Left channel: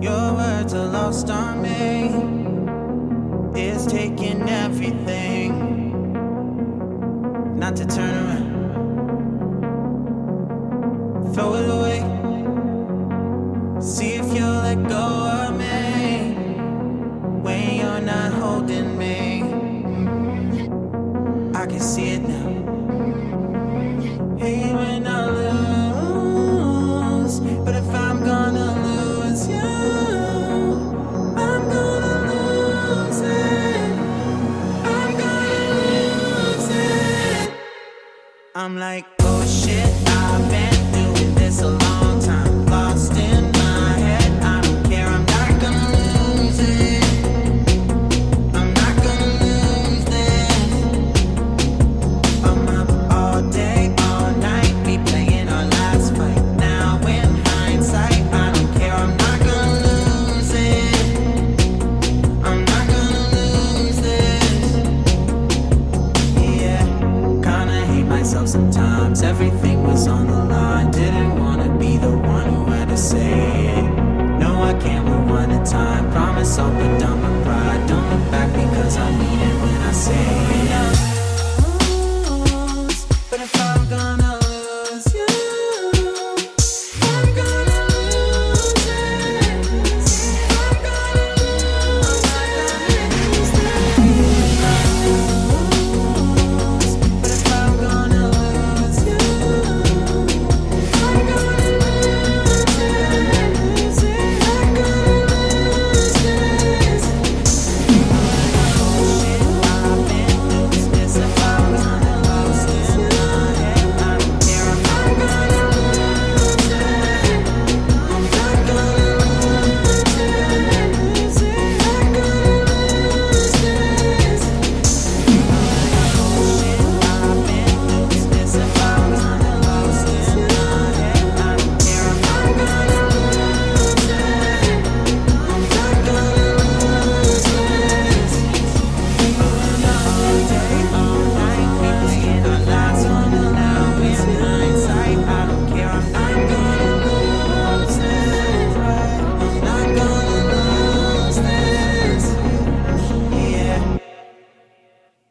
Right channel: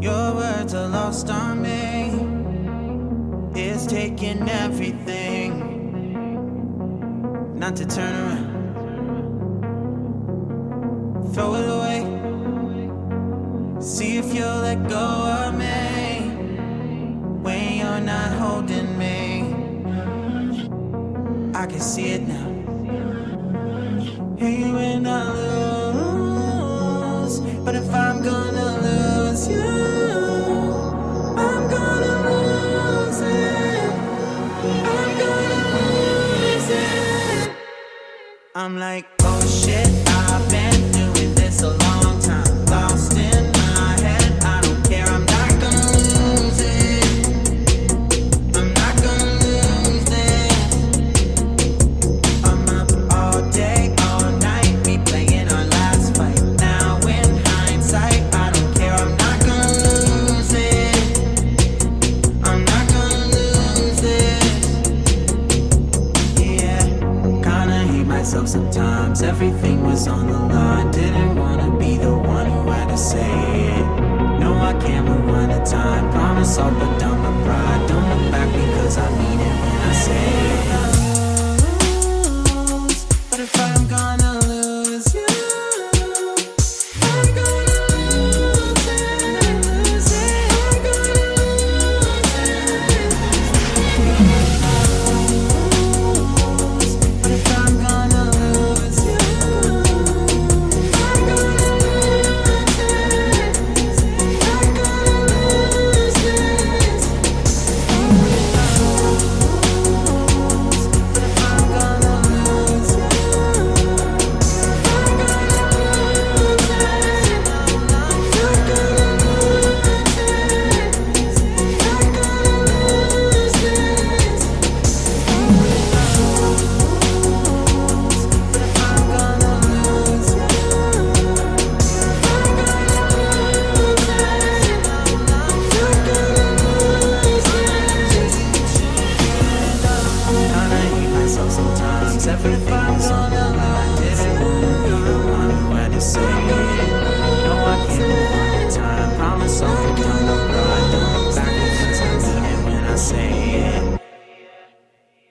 Your words are lost on me. It's taking everything not to turn around. Throw it away. See if you'll let go of me when you're not holding me. I can see it now. Hey, when I lose, but if I'm gonna lose you, I'm gonna lose it. I'm gonna lose it. I'm like, oh shit, I've been doing this a long time. Lost in my head, I don't care, I'm not gonna lose it. I'm not gonna lose this. I'm up all day, all night, replaying our last fight. Now in hindsight, I don't care, I'm not gonna lose it. I'm not gonna lose this. Yeah, kinda hate myself sometimes. Everything was on the line. Didn't wanna be the one who had to say it. No, I can't rewind the time. Promise I'll put down my pride. Don't look back because I mean it when I say it.